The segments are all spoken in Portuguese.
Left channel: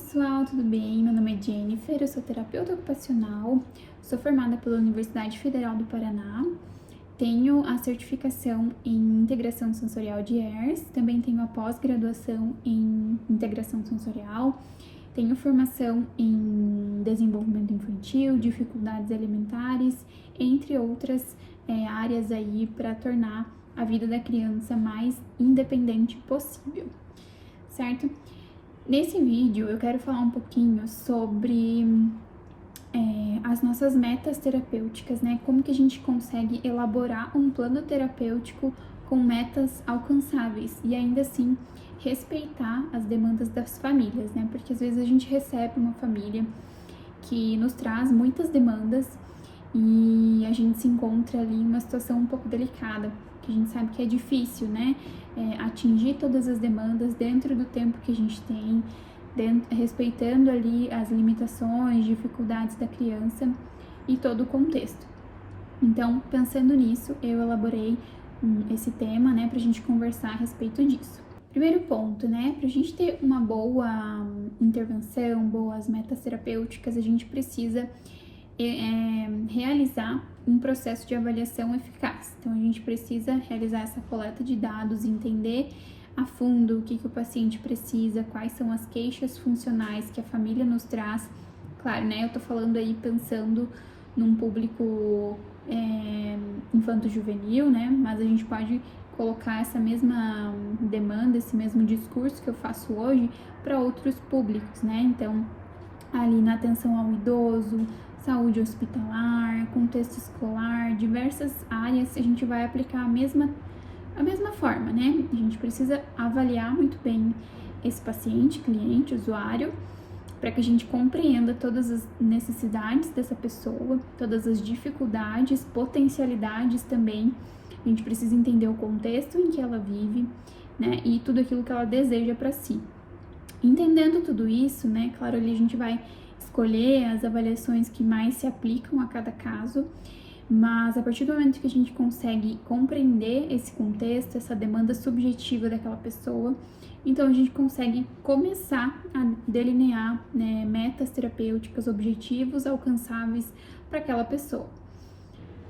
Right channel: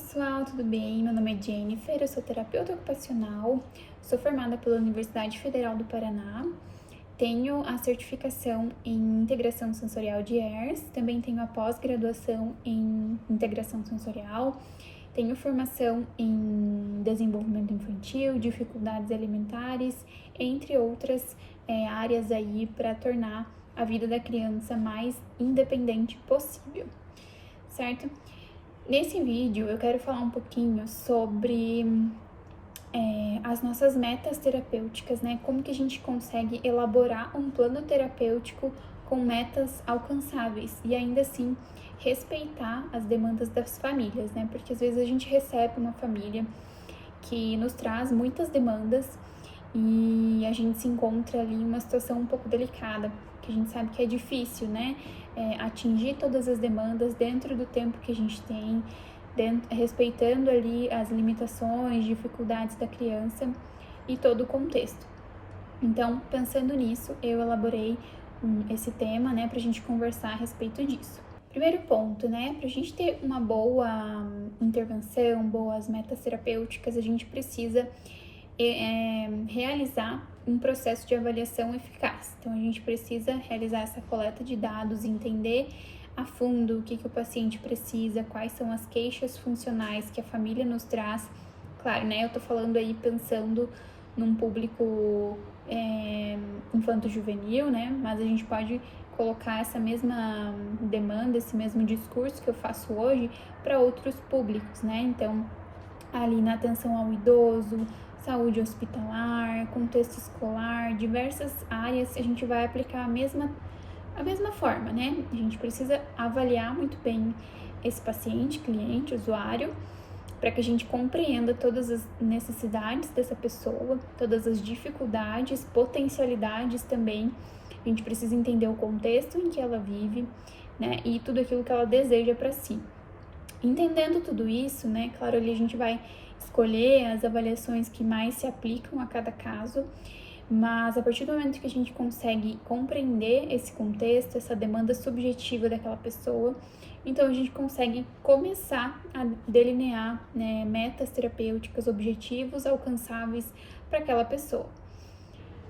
pessoal, tudo bem? Meu nome é Jennifer, eu sou terapeuta ocupacional, sou formada pela Universidade Federal do Paraná, tenho a certificação em integração sensorial de ERS, também tenho a pós-graduação em integração sensorial, tenho formação em desenvolvimento infantil, dificuldades alimentares, entre outras áreas aí para tornar a vida da criança mais independente possível, certo? Nesse vídeo eu quero falar um pouquinho sobre as nossas metas terapêuticas, né? Como que a gente consegue elaborar um plano terapêutico com metas alcançáveis e ainda assim respeitar as demandas das famílias, né? Porque às vezes a gente recebe uma família que nos traz muitas demandas e a gente se encontra ali em uma situação um pouco delicada, que a gente sabe que é difícil, né? Atingir todas as demandas dentro do tempo que a gente tem, respeitando ali as limitações, dificuldades da criança e todo o contexto. Então, pensando nisso, eu elaborei esse tema, né, pra gente conversar a respeito disso. Primeiro ponto, né, pra gente ter uma boa intervenção, boas metas terapêuticas, a gente precisa realizar um processo de avaliação eficaz. Então, a gente precisa realizar essa coleta de dados, entender a fundo o que o paciente precisa, quais são as queixas funcionais que a família nos traz. Claro, né, eu tô falando aí pensando num público infanto-juvenil, né, mas a gente pode colocar essa mesma demanda, esse mesmo discurso que eu faço hoje para outros públicos, né, então ali na atenção ao idoso, saúde hospitalar, contexto escolar, diversas áreas, a gente vai aplicar a mesma forma, né? A gente precisa avaliar muito bem esse paciente, cliente, usuário, para que a gente compreenda todas as necessidades dessa pessoa, todas as dificuldades, potencialidades também. A gente precisa entender o contexto em que ela vive, né? E tudo aquilo que ela deseja para si. Entendendo tudo isso, né? Claro, ali a gente vai escolher as avaliações que mais se aplicam a cada caso, mas a partir do momento que a gente consegue compreender esse contexto, essa demanda subjetiva daquela pessoa, então a gente consegue começar a delinear, né, metas terapêuticas, objetivos alcançáveis para aquela pessoa.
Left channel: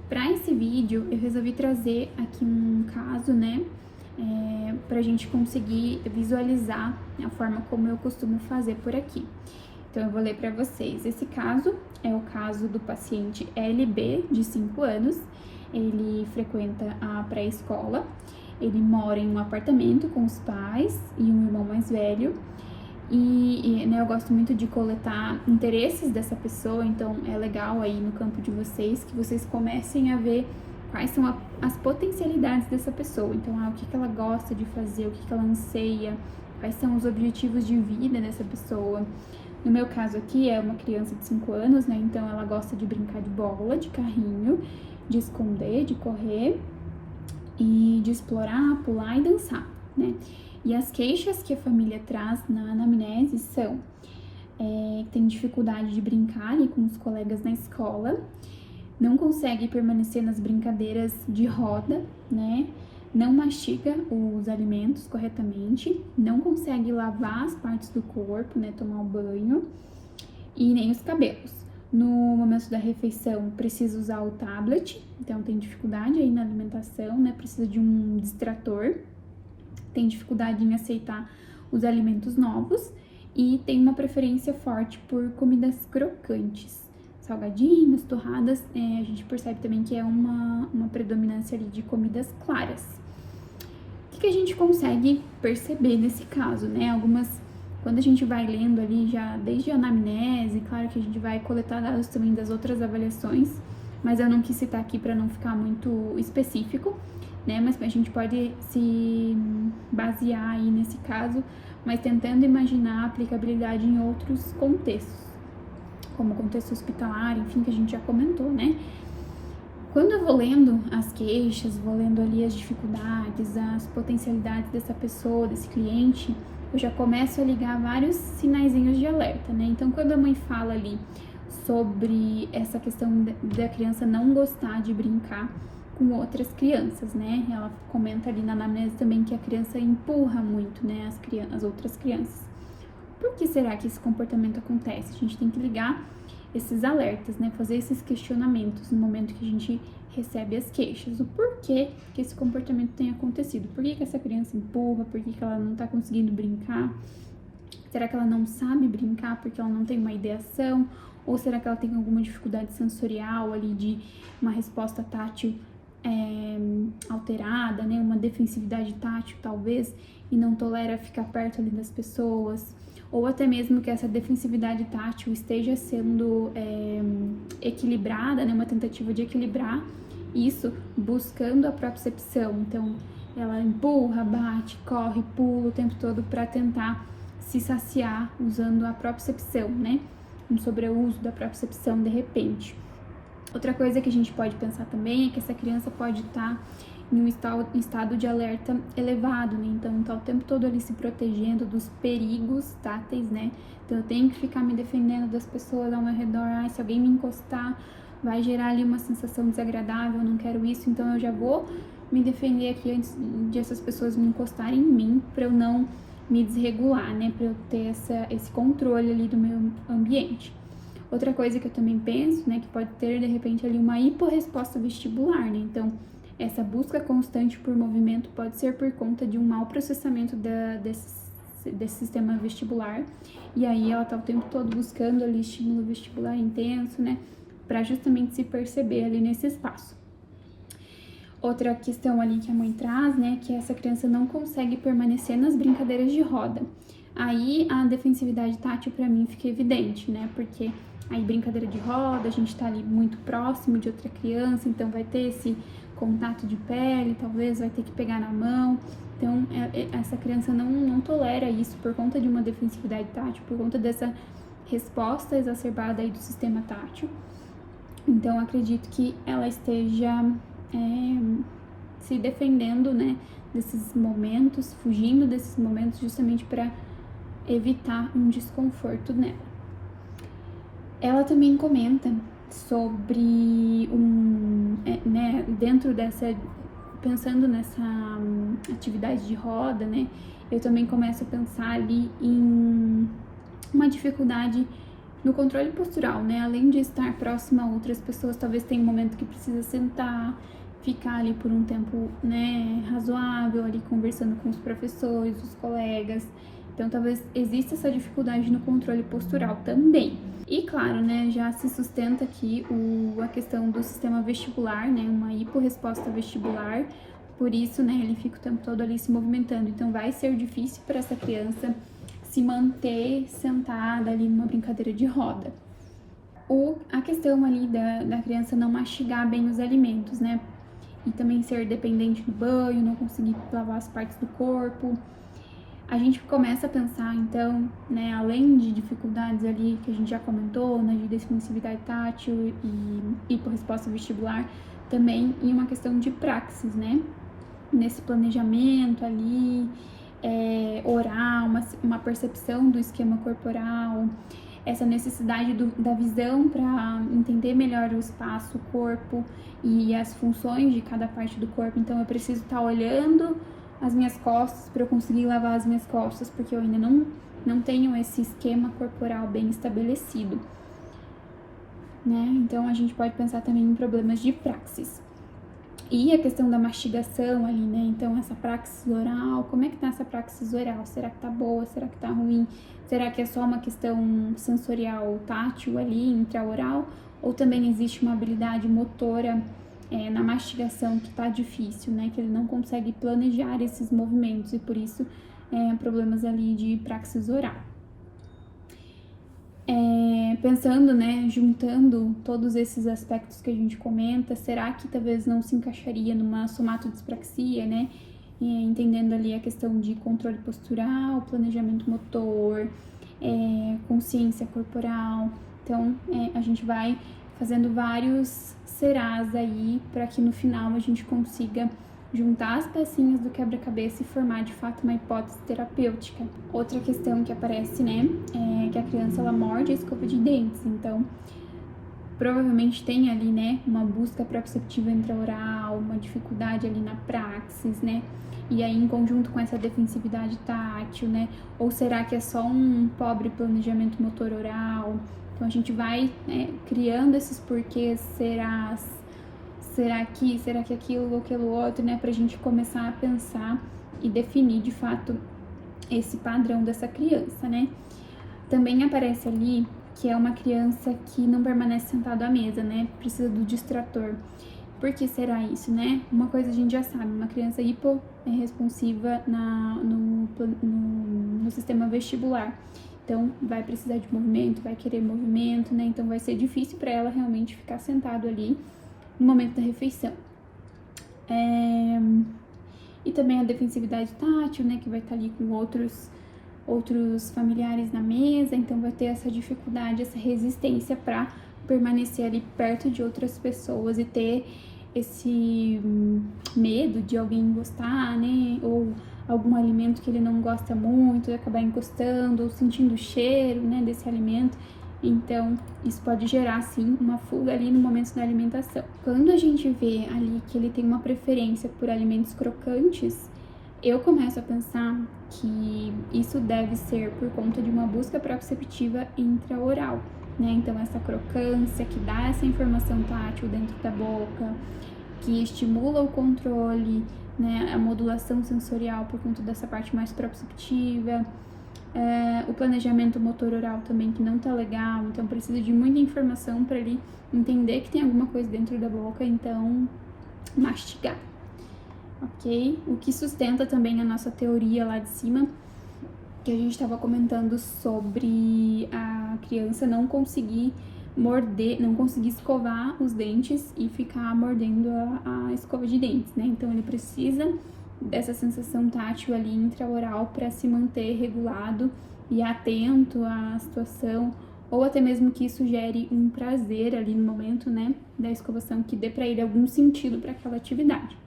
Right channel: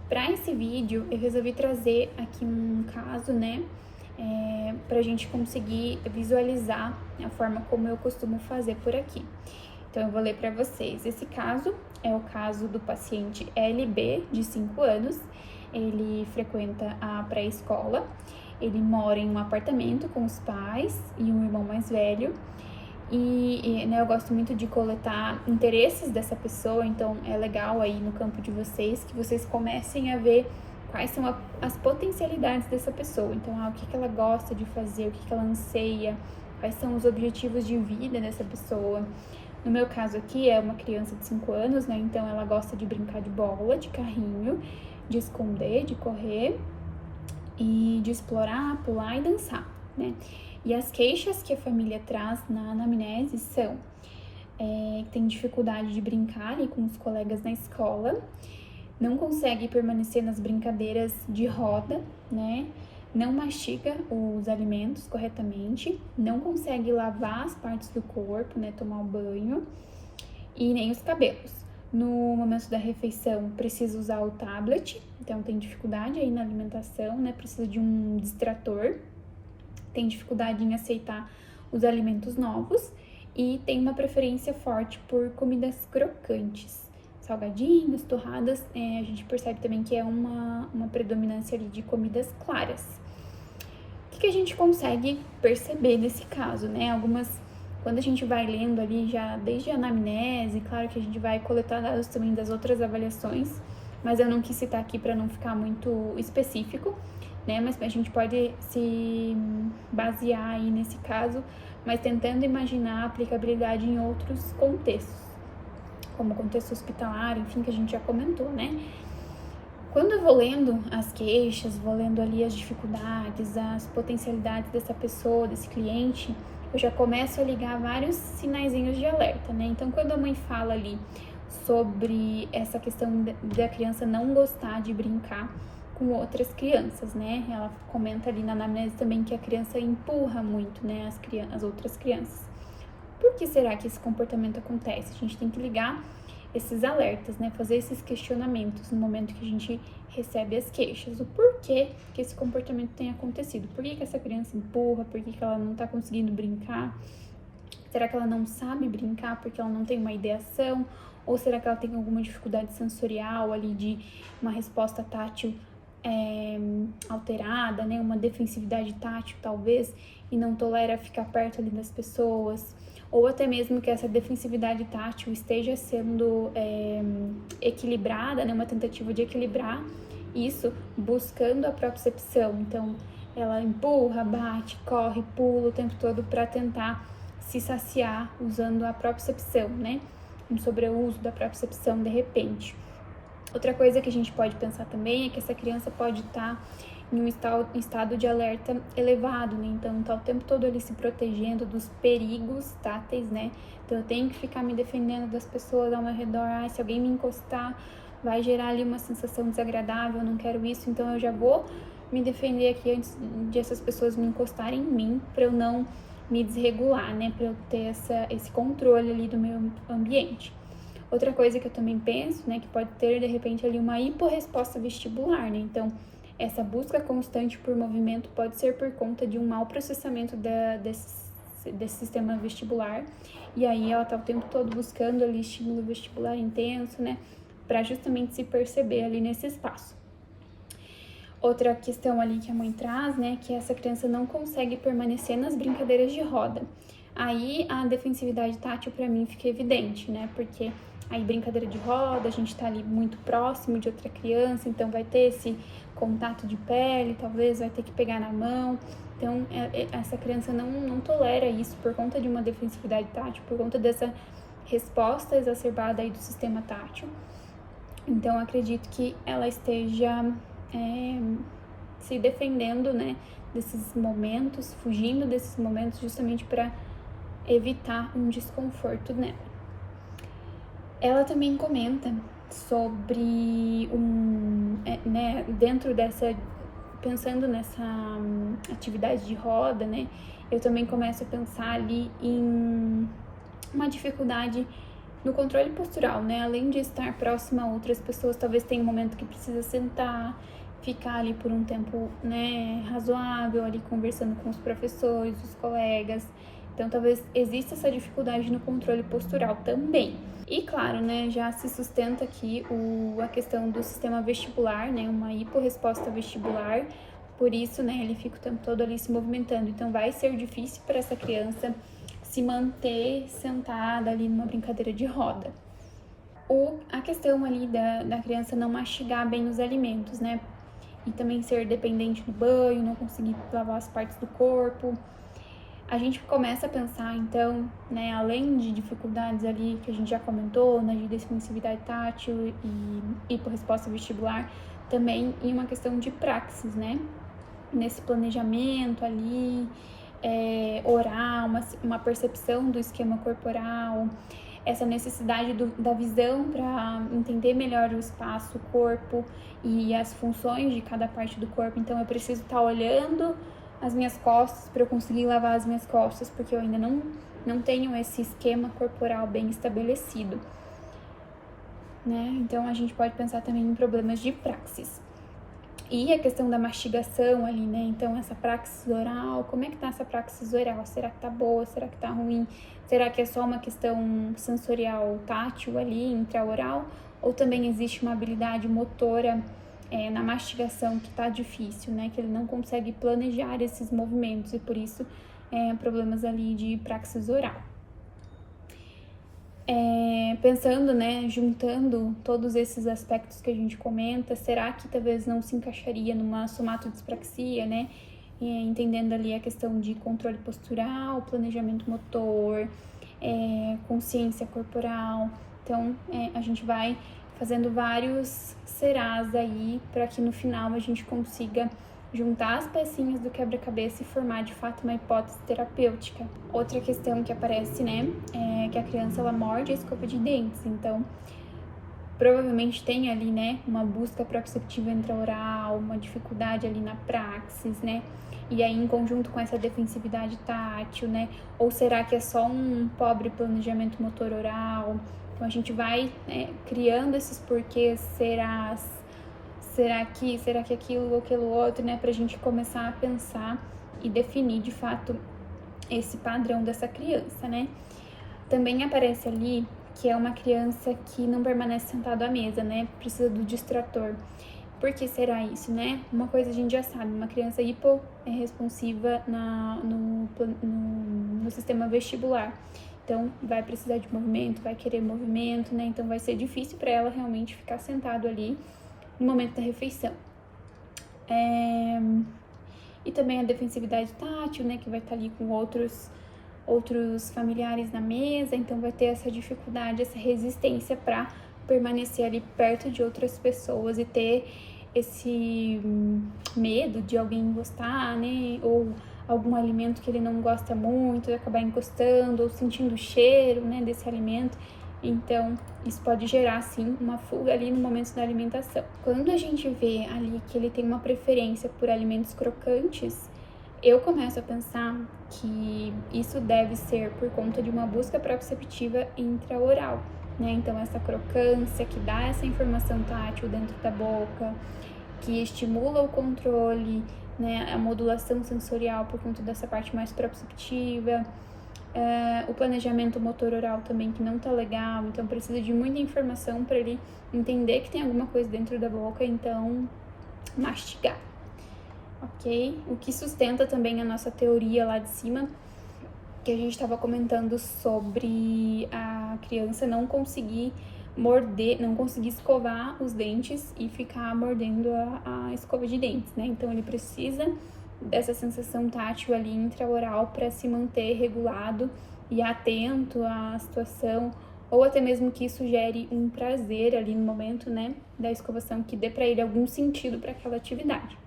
Para esse vídeo, eu resolvi trazer aqui um caso, né, para a gente conseguir visualizar a forma como eu costumo fazer por aqui. Então, eu vou ler para vocês. Esse caso é o caso do paciente LB, de 5 anos. Ele frequenta a pré-escola. Ele mora em um apartamento com os pais e um irmão mais velho. E né, eu gosto muito de coletar interesses dessa pessoa, então é legal aí no campo de vocês que vocês comecem a ver quais são as potencialidades dessa pessoa. Então, o que ela gosta de fazer, o que ela anseia, quais são os objetivos de vida dessa pessoa. No meu caso aqui é uma criança de 5 anos, né? Então ela gosta de brincar de bola, de carrinho, de esconder, de correr e de explorar, pular e dançar, né? E as queixas que a família traz na anamnese são que tem dificuldade de brincar ali com os colegas na escola, não consegue permanecer nas brincadeiras de roda, né? Não mastiga os alimentos corretamente, não consegue lavar as partes do corpo, né, tomar um banho, e nem os cabelos. No momento da refeição, precisa usar o tablet, então tem dificuldade aí na alimentação, né, precisa de um distrator, tem dificuldade em aceitar os alimentos novos e tem uma preferência forte por comidas crocantes. Salgadinhos, torradas, a gente percebe também que é uma predominância ali de comidas claras. O que a gente consegue perceber nesse caso, né? Quando a gente vai lendo ali já desde a anamnese, claro que a gente vai coletar dados também das outras avaliações, mas eu não quis citar aqui para não ficar muito específico, né? Mas a gente pode se basear aí nesse caso, mas tentando imaginar a aplicabilidade em outros contextos, como o contexto hospitalar, enfim, que a gente já comentou, né? Quando eu vou lendo as queixas, vou lendo ali as dificuldades, as potencialidades dessa pessoa, desse cliente, eu já começo a ligar vários sinaizinhos de alerta, né? Então, quando a mãe fala ali sobre essa questão da criança não gostar de brincar com outras crianças, né? Ela comenta ali na anamnese também que a criança empurra muito, né, as outras crianças. por que será que esse comportamento acontece? A gente tem que ligar esses alertas, né? Fazer esses questionamentos no momento que a gente recebe as queixas. O porquê que esse comportamento tem acontecido? Por que essa criança empurra? Por que ela não tá conseguindo brincar? Será que ela não sabe brincar porque ela não tem uma ideação? Ou será que ela tem alguma dificuldade sensorial ali de uma resposta tátil alterada, né? Uma defensividade tátil, talvez, e não tolera ficar perto ali das pessoas? Ou até mesmo que essa defensividade tátil esteja sendo equilibrada, né? Uma tentativa de equilibrar isso buscando a propriocepção. Então, ela empurra, bate, corre, pula o tempo todo para tentar se saciar usando a propriocepção, né? Um sobreuso da propriocepção de repente. Outra coisa que a gente pode pensar também é que essa criança pode estar em um estado de alerta elevado, né? Então, tá o tempo todo ali se protegendo dos perigos táteis, né? Então, eu tenho que ficar me defendendo das pessoas ao meu redor. Se alguém me encostar, vai gerar ali uma sensação desagradável, eu não quero isso, então eu já vou me defender aqui antes de essas pessoas me encostarem em mim, para eu não me desregular, né? Para eu ter esse controle ali do meu ambiente. Outra coisa que eu também penso, né, que pode ter, de repente, ali uma hiporresposta vestibular, né? Então, essa busca constante por movimento pode ser por conta de um mau processamento desse sistema vestibular. E aí ela tá o tempo todo buscando ali estímulo vestibular intenso, né? Para justamente se perceber ali nesse espaço. Outra questão ali que a mãe traz, né, que essa criança não consegue permanecer nas brincadeiras de roda. Aí a defensividade tátil para mim fica evidente, né, porque aí brincadeira de roda, a gente tá ali muito próximo de outra criança, então vai ter esse contato de pele, talvez vai ter que pegar na mão. Então essa criança não tolera isso por conta de uma defensividade tátil, por conta dessa resposta exacerbada aí do sistema tátil. Então acredito que ela esteja se defendendo, né, desses momentos, fugindo desses momentos justamente para evitar um desconforto nela. Ela também comenta sobre né, dentro dessa, pensando nessa atividade de roda, né, eu também começo a pensar ali em uma dificuldade no controle postural, né, além de estar próxima a outras pessoas, talvez tenha um momento que precisa sentar, ficar ali por um tempo, né, razoável, ali conversando com os professores, os colegas. Então, talvez exista essa dificuldade no controle postural também. E, claro, né, já se sustenta aqui a questão do sistema vestibular, né, uma hiporresposta vestibular. Por isso, né, ele fica o tempo todo ali se movimentando. Então, vai ser difícil para essa criança se manter sentada ali numa brincadeira de roda. Ou a questão ali da criança não mastigar bem os alimentos, né? E também ser dependente do banho, não conseguir lavar as partes do corpo. A gente começa a pensar, então, né, além de dificuldades ali que a gente já comentou, né, de defensividade tátil e hiporresposta vestibular, também em uma questão de praxis, né? Nesse planejamento ali, oral, uma percepção do esquema corporal, essa necessidade da visão para entender melhor o espaço, o corpo e as funções de cada parte do corpo. Então, eu preciso estar olhando as minhas costas para eu conseguir lavar as minhas costas, porque eu ainda não tenho esse esquema corporal bem estabelecido, né? Então, a gente pode pensar também em problemas de praxis. E a questão da mastigação ali, né? Então, essa praxis oral, como é que tá essa praxis oral? Será que tá boa? Será que tá ruim? Será que é só uma questão sensorial tátil ali, intraoral? Ou também existe uma habilidade motora na mastigação que tá difícil, né? Que ele não consegue planejar esses movimentos e por isso problemas ali de praxis oral. Pensando, né, juntando todos esses aspectos que a gente comenta, será que talvez não se encaixaria numa somatodispraxia, né? Entendendo ali a questão de controle postural, planejamento motor, consciência corporal. Então, a gente vai fazendo vários serás aí para que no final a gente consiga juntar as pecinhas do quebra-cabeça e formar de fato uma hipótese terapêutica. Outra questão que aparece, né, é que a criança ela morde a escova de dentes. Então, provavelmente tem ali, né, uma busca proprioceptiva intraoral, uma dificuldade ali na praxis, né? E aí, em conjunto com essa defensividade tátil, né? Ou será que é só um pobre planejamento motor oral? Então, a gente vai, né, criando esses porquês, será que aquilo ou aquilo outro, né? Pra gente começar a pensar e definir, de fato, esse padrão dessa criança, né? Também aparece ali que é uma criança que não permanece sentado à mesa, né? Precisa do distrator. Por que será isso, né? Uma coisa a gente já sabe, uma criança hiporresponsiva no sistema vestibular. Então, vai precisar de movimento, vai querer movimento, né? Então, vai ser difícil para ela realmente ficar sentado ali no momento da refeição. E também a defensividade tátil, né? Que vai estar ali com outros familiares na mesa, então vai ter essa dificuldade, essa resistência para permanecer ali perto de outras pessoas e ter esse medo de alguém encostar, né? Ou algum alimento que ele não gosta muito, acabar encostando ou sentindo o cheiro, né, desse alimento. Então, isso pode gerar, sim, uma fuga ali no momento da alimentação. Quando a gente vê ali que ele tem uma preferência por alimentos crocantes, eu começo a pensar que isso deve ser por conta de uma busca proprioceptiva intraoral, né? Então, essa crocância que dá essa informação tátil dentro da boca, que estimula o controle, né? A modulação sensorial por conta dessa parte mais proprioceptiva, o planejamento motor oral também que não tá legal, então precisa de muita informação para ele entender que tem alguma coisa dentro da boca, então mastigar. Ok? O que sustenta também a nossa teoria lá de cima, que a gente estava comentando sobre a criança não conseguir morder, não conseguir escovar os dentes e ficar mordendo a escova de dentes, né? Então ele precisa dessa sensação tátil ali intraoral para se manter regulado e atento à situação, ou até mesmo que isso gere um prazer ali no momento, né, da escovação, que dê para ele algum sentido para aquela atividade.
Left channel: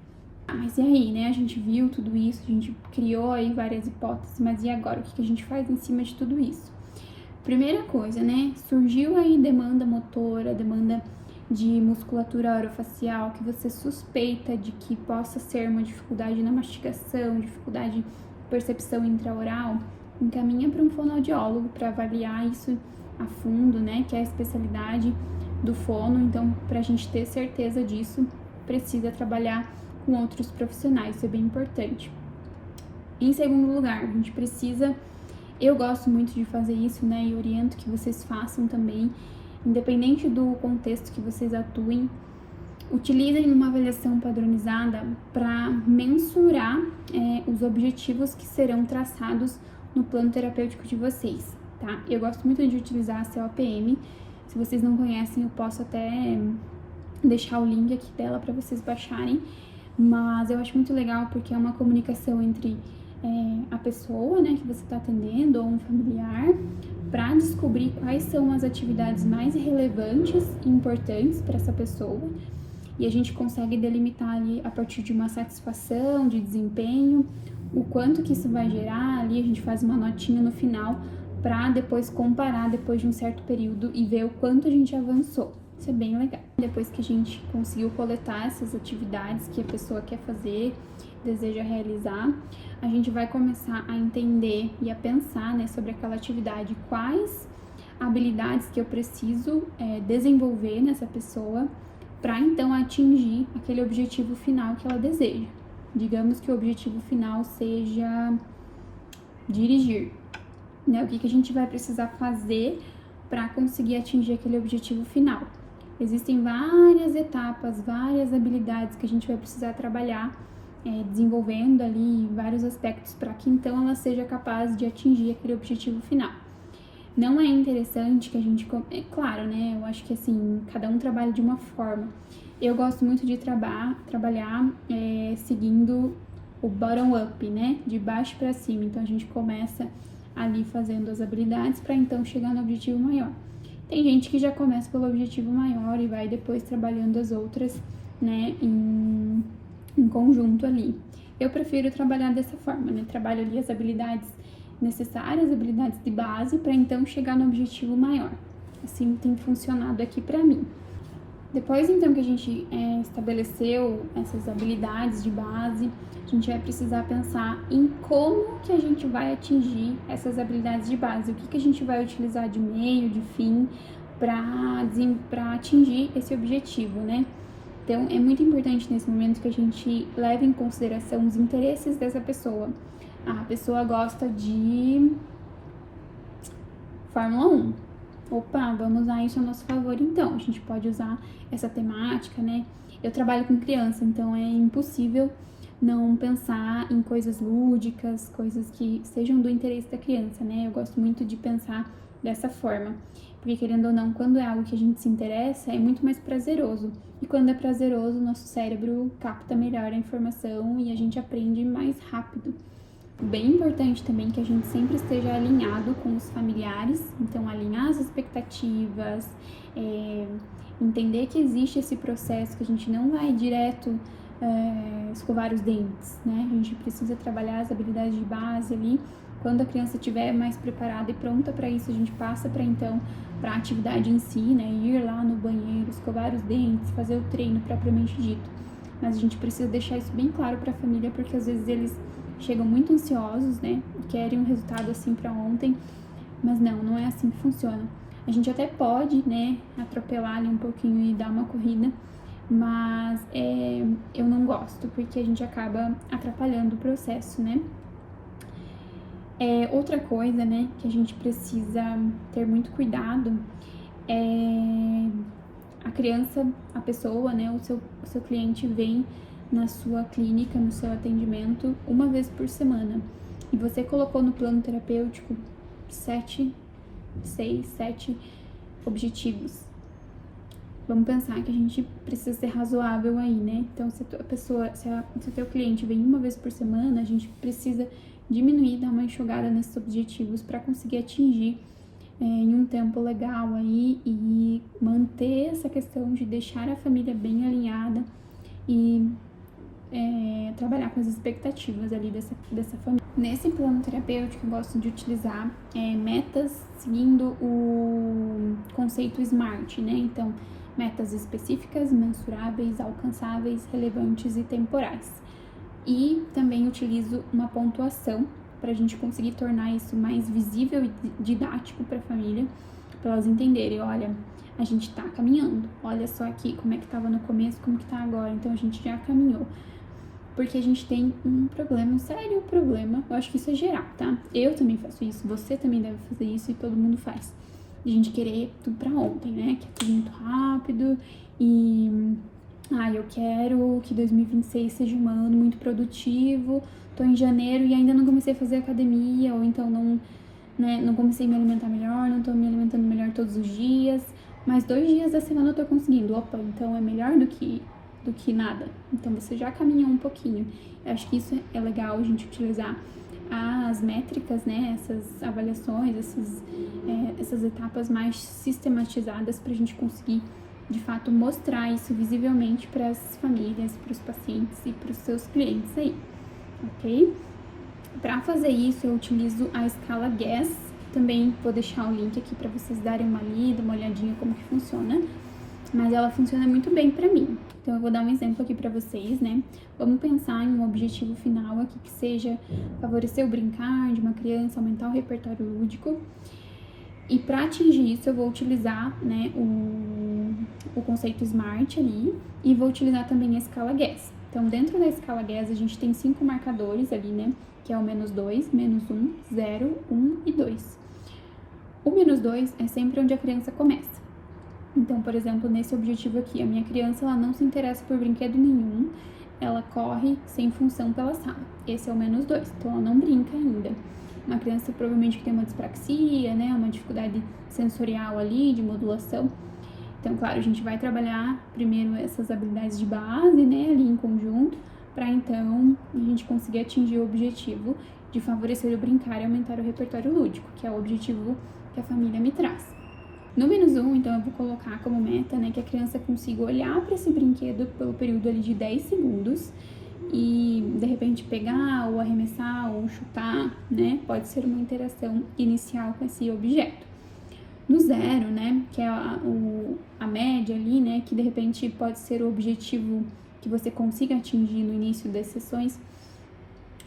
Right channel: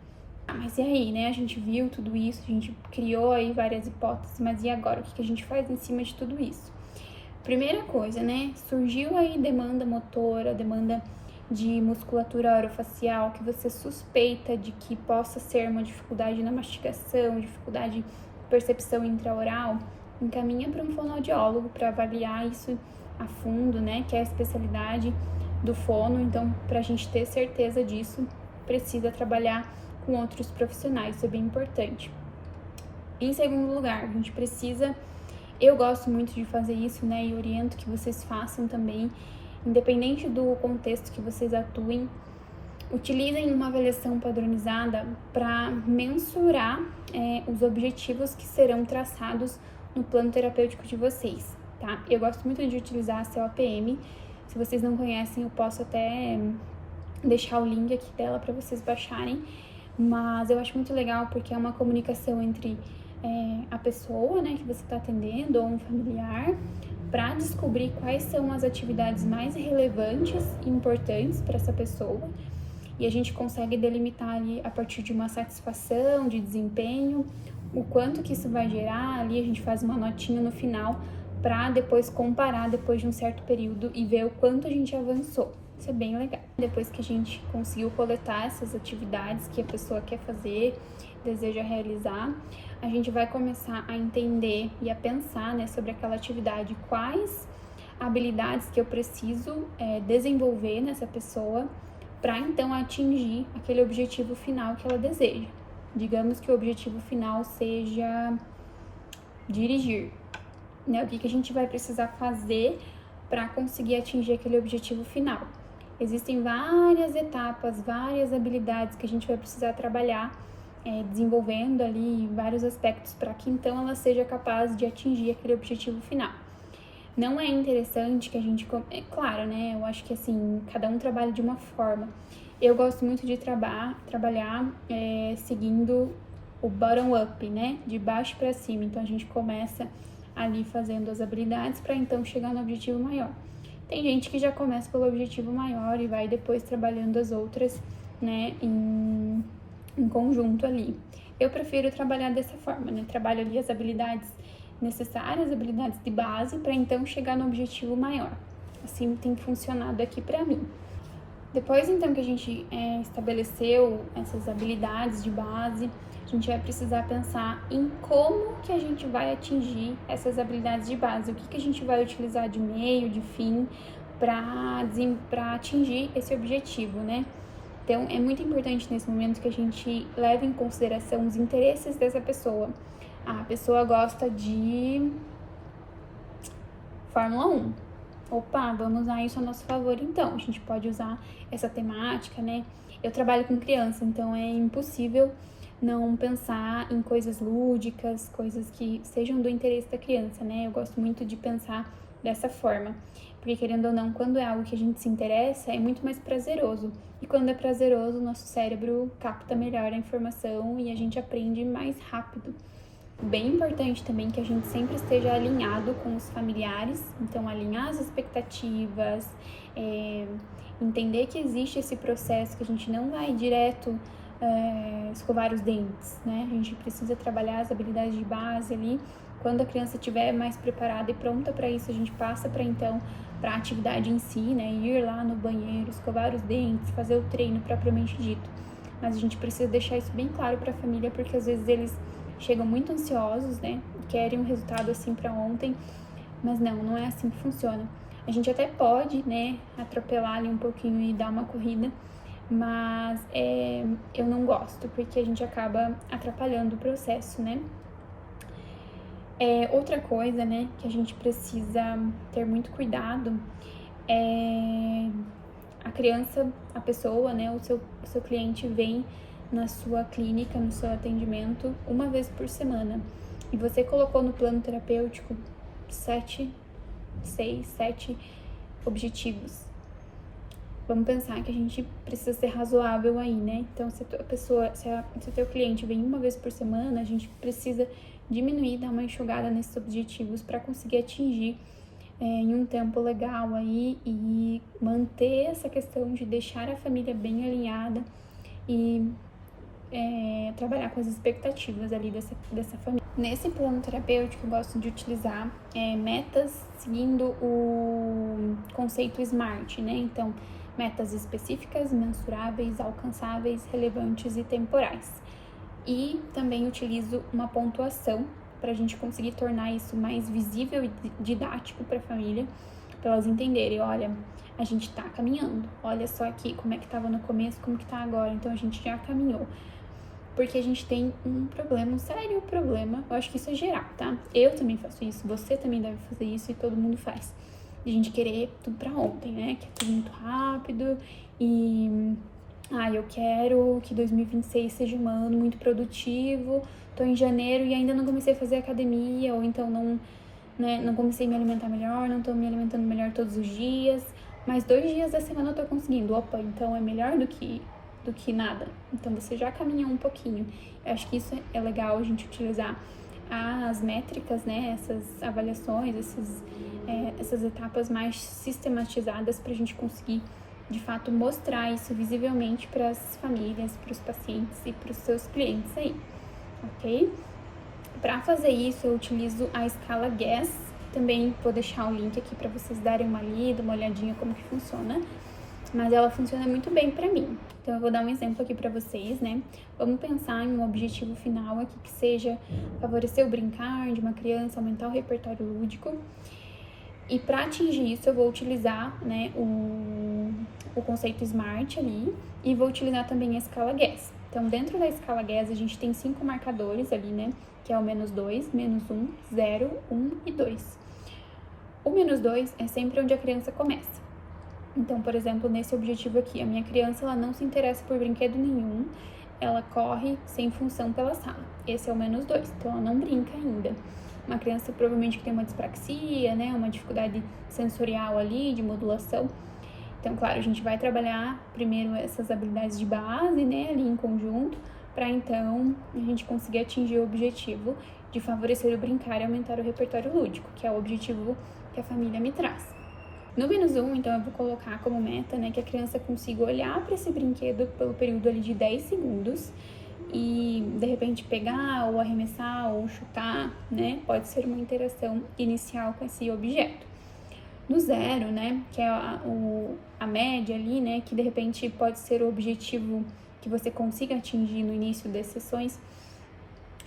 Mas e aí, né? A gente viu tudo isso, a gente criou aí várias hipóteses, mas e agora? O que a gente faz em cima de tudo isso? Primeira coisa, né? Surgiu aí demanda motora, demanda de musculatura orofacial, que você suspeita de que possa ser uma dificuldade na mastigação, dificuldade de percepção intraoral, encaminha para um fonoaudiólogo para avaliar isso a fundo, né? Que é a especialidade do fono. Então, para a gente ter certeza disso, precisa trabalhar com outros profissionais, isso é bem importante. Em segundo lugar, a gente precisa, eu gosto muito de fazer isso, né, e oriento que vocês façam também, independente do contexto que vocês atuem, utilizem uma avaliação padronizada para mensurar os objetivos que serão traçados no plano terapêutico de vocês, tá? Eu gosto muito de utilizar a COPM, se vocês não conhecem, eu posso até deixar o link aqui dela para vocês baixarem, mas eu acho muito legal porque é uma comunicação entre a pessoa, né, que você está atendendo ou um familiar, para descobrir quais são as atividades mais relevantes e importantes para essa pessoa, e a gente consegue delimitar ali a partir de uma satisfação, de desempenho, o quanto que isso vai gerar. Ali a gente faz uma notinha no final para depois comparar depois de um certo período e ver o quanto a gente avançou. Isso é bem legal. Depois que a gente conseguiu coletar essas atividades que a pessoa quer fazer, deseja realizar, a gente vai começar a entender e a pensar, né, sobre aquela atividade, quais habilidades que eu preciso desenvolver nessa pessoa para então atingir aquele objetivo final que ela deseja. Digamos que o objetivo final seja dirigir, né? O que a gente vai precisar fazer para conseguir atingir aquele objetivo final? Existem várias etapas, várias habilidades que a gente vai precisar trabalhar, desenvolvendo ali vários aspectos para que então ela seja capaz de atingir aquele objetivo final. Não é interessante que a gente... claro, né? Eu acho que assim, cada um trabalha de uma forma. Eu gosto muito de trabalhar seguindo o bottom-up, né? De baixo para cima. Então a gente começa ali fazendo as habilidades para então chegar no objetivo maior. Tem gente que já começa pelo objetivo maior e vai depois trabalhando as outras, né, em conjunto ali. Eu prefiro trabalhar dessa forma, né? Trabalho ali as habilidades necessárias, habilidades de base, para então chegar no objetivo maior. assim tem funcionado aqui pra mim. Depois, então, que a gente estabeleceu essas habilidades de base, a gente vai precisar pensar em como que a gente vai atingir essas habilidades de base, o que que a gente vai utilizar de meio, de fim, para atingir esse objetivo, né? Então, é muito importante nesse momento que a gente leve em consideração os interesses dessa pessoa. A pessoa gosta de Fórmula 1. Opa, vamos usar isso a nosso favor então. A gente pode usar essa temática, né? Eu trabalho com criança, então é impossível não pensar em coisas lúdicas, coisas que sejam do interesse da criança, né? Eu gosto muito de pensar dessa forma. Porque, querendo ou não, quando é algo que a gente se interessa, é muito mais prazeroso. E quando é prazeroso, o nosso cérebro capta melhor a informação e a gente aprende mais rápido. Bem importante também que a gente sempre esteja alinhado com os familiares, então alinhar as expectativas, entender que existe esse processo, que a gente não vai direto escovar os dentes, né? A gente precisa trabalhar as habilidades de base ali. Quando a criança estiver mais preparada e pronta para isso, a gente passa para a atividade em si, né? Ir lá no banheiro, escovar os dentes, fazer o treino propriamente dito. Mas a gente precisa deixar isso bem claro para a família, porque às vezes eles chegam muito ansiosos, né? Querem um resultado assim para ontem, mas não é assim que funciona. A gente até pode, né, atropelar ali um pouquinho e dar uma corrida, mas eu não gosto, porque a gente acaba atrapalhando o processo, né? Outra coisa, né, que a gente precisa ter muito cuidado é a criança, a pessoa, né, o seu cliente vem na sua clínica, no seu atendimento, uma vez por semana. E você colocou no plano terapêutico 7 objetivos. Vamos pensar que a gente precisa ser razoável aí, né? Então, se o teu cliente vem uma vez por semana, a gente precisa diminuir, dar uma enxugada nesses objetivos para conseguir atingir em um tempo legal aí e manter essa questão de deixar a família bem alinhada e trabalhar com as expectativas ali dessa família. Nesse plano terapêutico, eu gosto de utilizar metas seguindo o conceito SMART, né? Então, metas específicas, mensuráveis, alcançáveis, relevantes e temporais. E também utilizo uma pontuação para a gente conseguir tornar isso mais visível e didático para a família, para elas entenderem, olha, a gente tá caminhando, olha só aqui como é que tava no começo, como que tá agora, então a gente já caminhou. Porque a gente tem um problema, um sério problema, eu acho que isso é geral, tá? Eu também faço isso, você também deve fazer isso e todo mundo faz. De a gente querer tudo pra ontem, né? Que é tudo muito rápido e... eu quero que 2026 seja um ano muito produtivo, tô em janeiro e ainda não comecei a fazer academia, ou então não comecei a me alimentar melhor, não tô me alimentando melhor todos os dias, mas 2 dias da semana eu tô conseguindo. Opa, então é melhor do que nada. Então você já caminhou um pouquinho. Eu acho que isso é legal a gente utilizar as métricas, né, essas avaliações, essas etapas mais sistematizadas para a gente conseguir, de fato, mostrar isso visivelmente para as famílias, para os pacientes e para os seus clientes aí, ok? Para fazer isso, eu utilizo a escala GAS. Também vou deixar o link aqui para vocês darem uma lida, uma olhadinha como que funciona. Mas ela funciona muito bem para mim. Então, eu vou dar um exemplo aqui para vocês, né? Vamos pensar em um objetivo final aqui que seja favorecer o brincar de uma criança, aumentar o repertório lúdico. E para atingir isso, eu vou utilizar, né, o conceito SMART ali e vou utilizar também a escala GAS. Então, dentro da escala GAS, a gente tem 5 marcadores ali, né? Que é o -2, -1, 0, 1 e 2. O -2 é sempre onde a criança começa. Então, por exemplo, nesse objetivo aqui, a minha criança ela não se interessa por brinquedo nenhum, ela corre sem função pela sala. Esse é o -2, então ela não brinca ainda. Uma criança provavelmente que tem uma dispraxia, né, uma dificuldade sensorial ali, de modulação. Então, claro, a gente vai trabalhar primeiro essas habilidades de base, né, ali em conjunto, para então a gente conseguir atingir o objetivo de favorecer o brincar e aumentar o repertório lúdico, que é o objetivo que a família me traz. No -1, então, eu vou colocar como meta, né, que a criança consiga olhar para esse brinquedo pelo período ali de 10 segundos e, de repente, pegar ou arremessar ou chutar, né, pode ser uma interação inicial com esse objeto. no 0, né, que é a média ali, né, que de repente pode ser o objetivo que você consiga atingir no início das sessões,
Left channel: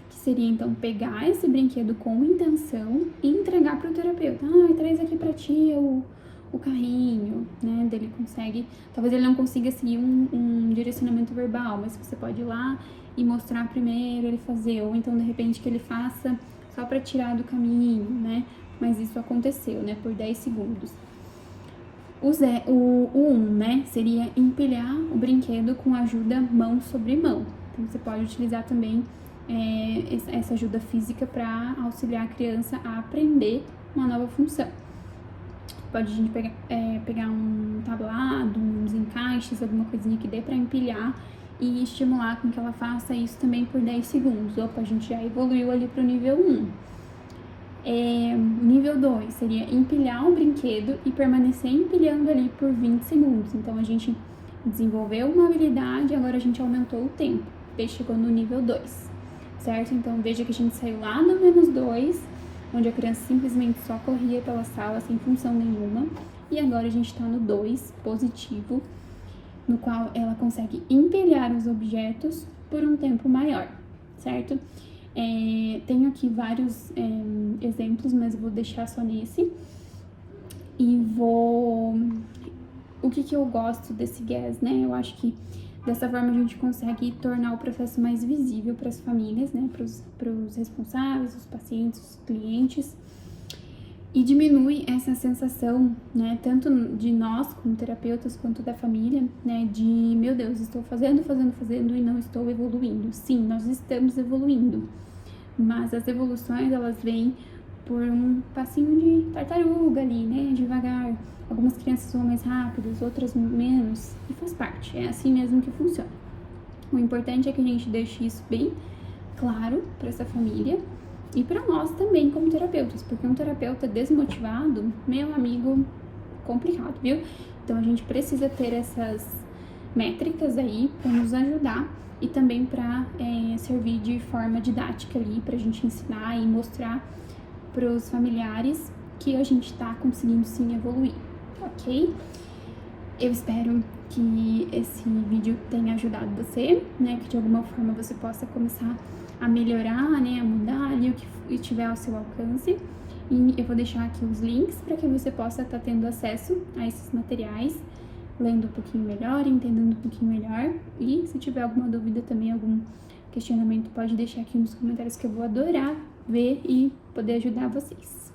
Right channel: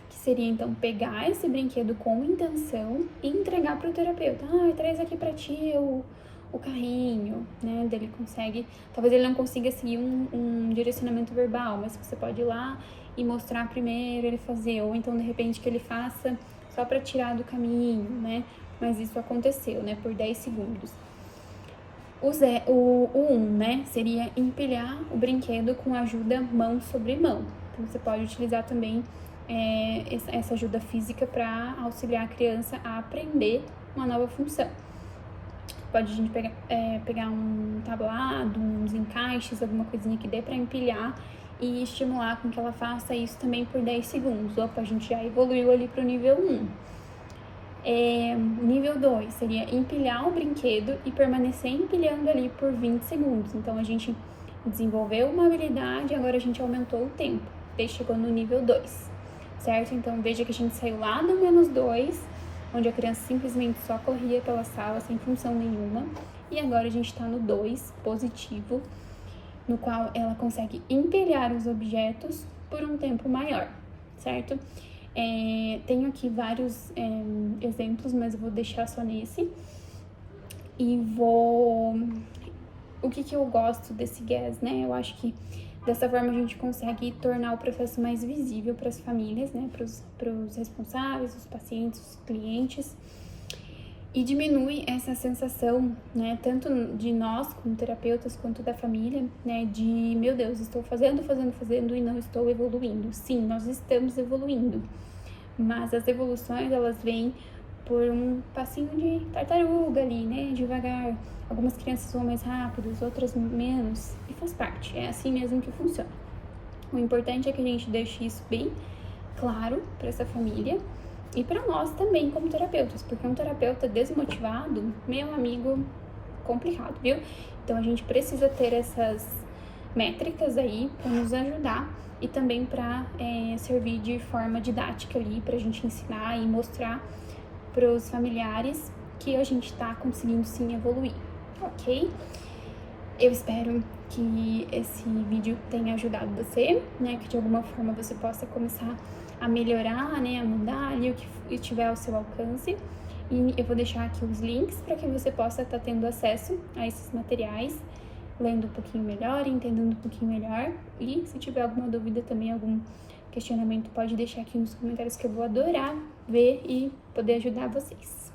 que seria então pegar esse brinquedo com intenção e entregar para o terapeuta. Traz aqui para ti o carrinho, né, dele consegue, talvez ele não consiga seguir um direcionamento verbal, mas você pode ir lá e mostrar primeiro ele fazer, ou então de repente que ele faça só para tirar do caminho, né, mas isso aconteceu, né, por 10 segundos. O 1, né, seria empilhar o brinquedo com ajuda mão sobre mão. Então, você pode utilizar também essa ajuda física para auxiliar a criança a aprender uma nova função. Pode a gente pegar um tablado, uns encaixes, alguma coisinha que dê para empilhar e estimular com que ela faça isso também por 10 segundos. Opa, a gente já evoluiu ali para o nível 1. Nível 2 seria empilhar um brinquedo e permanecer empilhando ali por 20 segundos. Então, a gente desenvolveu uma habilidade, agora a gente aumentou o tempo. Daí chegou no nível 2, certo? Então, veja que a gente saiu lá no -2, onde a criança simplesmente só corria pela sala sem função nenhuma. E agora a gente está no 2, positivo, no qual ela consegue empilhar os objetos por um tempo maior, certo? Tenho aqui vários exemplos, mas vou deixar só nesse. E o que eu gosto desse GAS, né? Eu acho que dessa forma a gente consegue tornar o processo mais visível para as famílias, né? Para os responsáveis, os pacientes, os clientes. E diminui essa sensação, né? Tanto de nós como terapeutas, quanto da família, né? De, meu Deus, estou fazendo e não estou evoluindo. Sim, nós estamos evoluindo. Mas as evoluções, elas vêm por um passinho de tartaruga ali, né? Devagar. Algumas crianças vão mais rápidas, outras menos. E faz parte, é assim mesmo que funciona. O importante é que a gente deixe isso bem claro para essa família e para nós também como terapeutas. Porque um terapeuta desmotivado, meu amigo, complicado, viu? Então a gente precisa ter essas métricas aí para nos ajudar e também para servir de forma didática ali, para a gente ensinar e mostrar para os familiares que a gente está conseguindo sim evoluir, ok? Eu espero que esse vídeo tenha ajudado você, né? Que de alguma forma você possa começar a melhorar, né? A mudar ali o que tiver ao seu alcance. E eu vou deixar aqui os links para que você possa estar tendo acesso a esses materiais, lendo um pouquinho melhor, entendendo um pouquinho melhor. E se tiver alguma dúvida também, algum questionamento, pode deixar aqui nos comentários que eu vou adorar ver e poder ajudar vocês.